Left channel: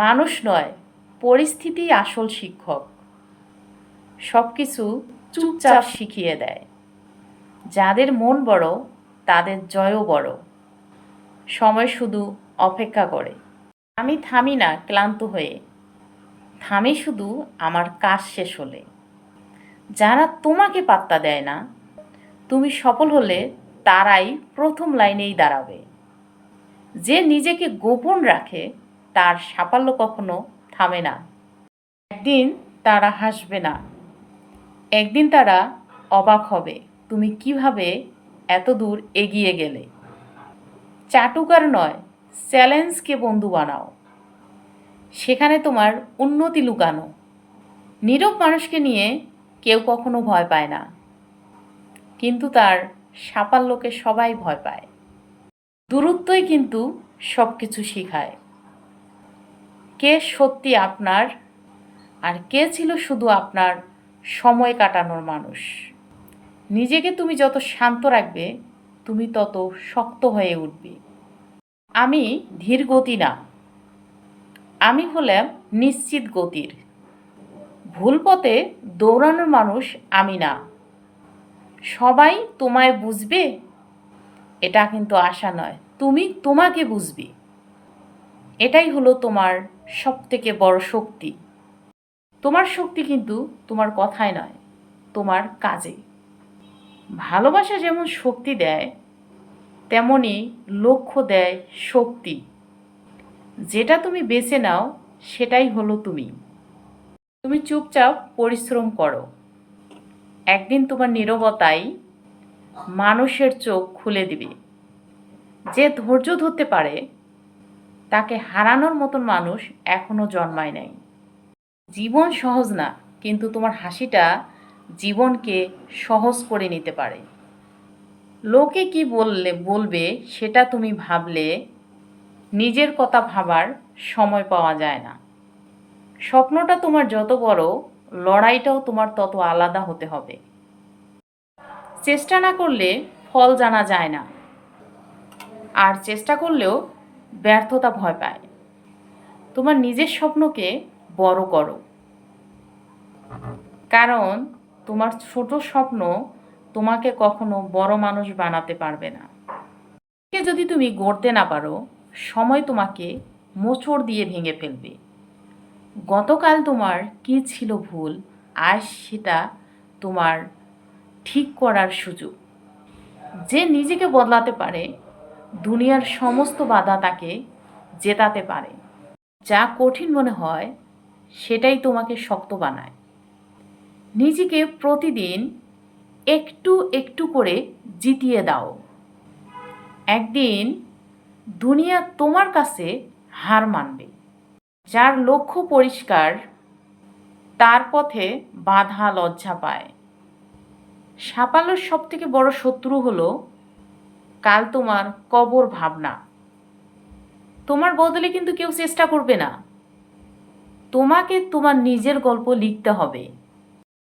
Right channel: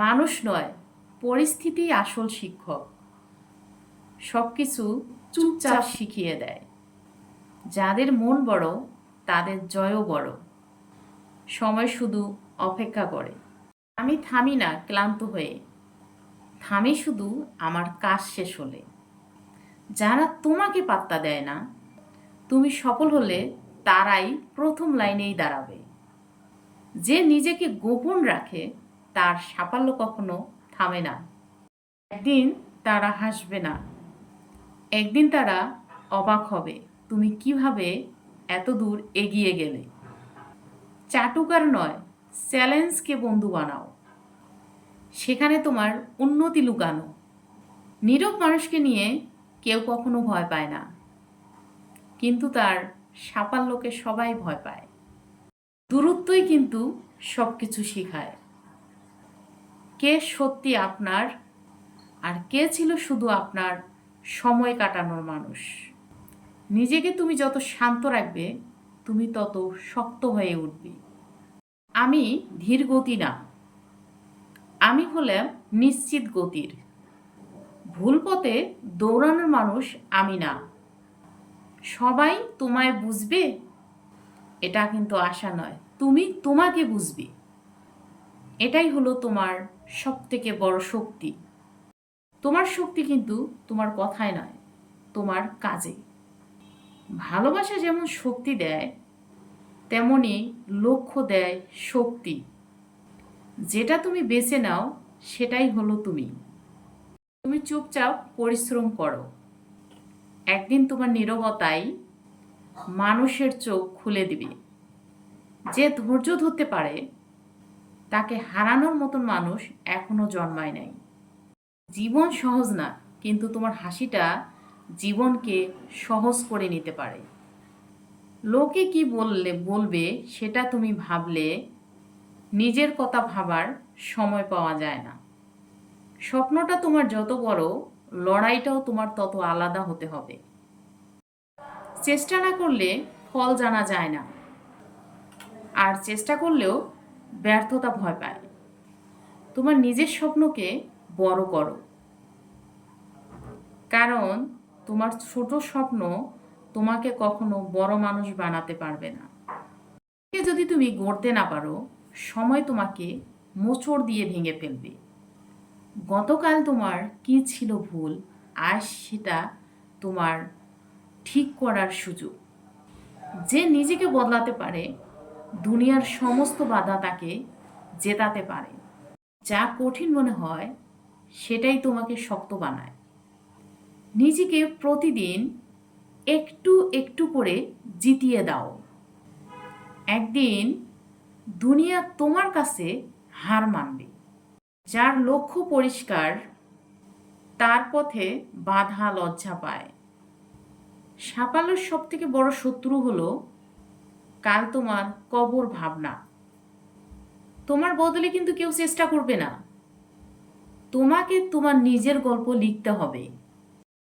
মানুষ নয়, পরিস্থিতি আসল শিক্ষক। সব কিছু চুপচাপ শিখিয়ে দেয়। যাদের মন বড় তাদের জয়ও বড়। সময় শুধু অপেক্ষা করে। আমি থামি না ক্লান্ত হয়ে, থামি শুধু আমার কাজ শেষ হলে। যারা তোমাকে পাত্তা দেয় না, তুমি সফল হলে তারাই প্রথম লাইনেই দাঁড়াবে। যে নিজেকে গোপন রাখে তার সাফল্য কখনো থামে না। একদিন তারা হাসবে না, একদিন তারা অবাক হবে তুমি কিভাবে এত দূর এগিয়ে গেলে। চাটুকার নয়, চ্যালেঞ্জকে বন্ধু বানাও, সেখানে তোমার উন্নতি লুকানো। নীরব মানুষকে নিয়ে কেউ কখনো ভয় পায় না, কিন্তু তার সাফল্যকে সবাই ভয় পায়। দূরত্বই কিন্তু সব কিছু শেখায়। কে সত্যি আপনার আর কে ছিল শুধু আপনার সময় কাটানোর মানুষ। নিজেকে তুমি যত শান্ত রাখবে তুমি তত শক্ত হয়ে উঠবে। আমি ধীর গতি না, আমি হলাম নিশ্চিত গতির। ভুল পথে দৌড়ানোর মানুষ আমি না। সবাই তোমায় বুঝবে এটা কিন্তু আশা নয়, তুমি তোমাকে বুঝবে। এটাই হলো তোমার সবথেকে বড় শক্তি। তোমার শক্তি কিন্তু তোমার কথায় নয়, তোমার কাজে। ভালোবাসা যেমন শক্তি দেয়, তেমনি লক্ষ্য দেয় শক্তি। যেটা তুমি বেছে নাও সেটাই হলো তুমি। তুমি চুপচাপ পরিশ্রম করো, একদিন তোমার নীরবতাই মানুষের চোখ খুলে দিবে। যে ধৈর্য ধরতে পারে তাকে হারানোর মতন মানুষ এখনো জন্মায় নাই। জীবন সহজ না, কিন্তু তোমার হাসিটা জীবনকে সহজ করে নিতে পারে। লোকে কি বলবে সেটা তুমি ভাবলে নিজের কথা ভাবার সময় পাওয়া যায় না। স্বপ্নটা তোমার যত বড়, লড়াইটাও তোমার তত আলাদা হতে হবে। চেষ্টা না করলে ফল জানা যায় না, আর চেষ্টা করলেও ব্যর্থতা ভয় পায়। তোমার নিজের স্বপ্নকে বড় করো, কারণ তোমার ছোট স্বপ্ন তোমাকে কখনো বড় মানুষ বানাতে পারবে না। যদি তুমি গড়তে না পারো, সময় তোমাকে মোচড় দিয়ে ভেঙে ফেলবে। গতকাল তোমার কি ছিল ভুল, আজ সেটা তোমার ঠিক করার সুযোগ। যে নিজেকে বদলাতে পারে দুনিয়ার সমস্ত বাধা তাকে জেতাতে পারে। যা কঠিন মনে হয় সেটাই তোমাকে শক্ত বানায়। নিজেকে প্রতিদিন একটু একটু করে জিতিয়ে দাও। একদিন দুনিয়া তোমার কাছে হার মানবে। যার লক্ষ্য পরিষ্কার তার পথে বাধা লজ্জা পায়। সাফল্যের সব থেকে বড় শত্রু হলো কাল তোমার কবর ভাবনা। তোমার বদলে কিন্তু কেউ চেষ্টা করবে না। তোমাকে তোমার নিজের গল্প লিখতে হবে।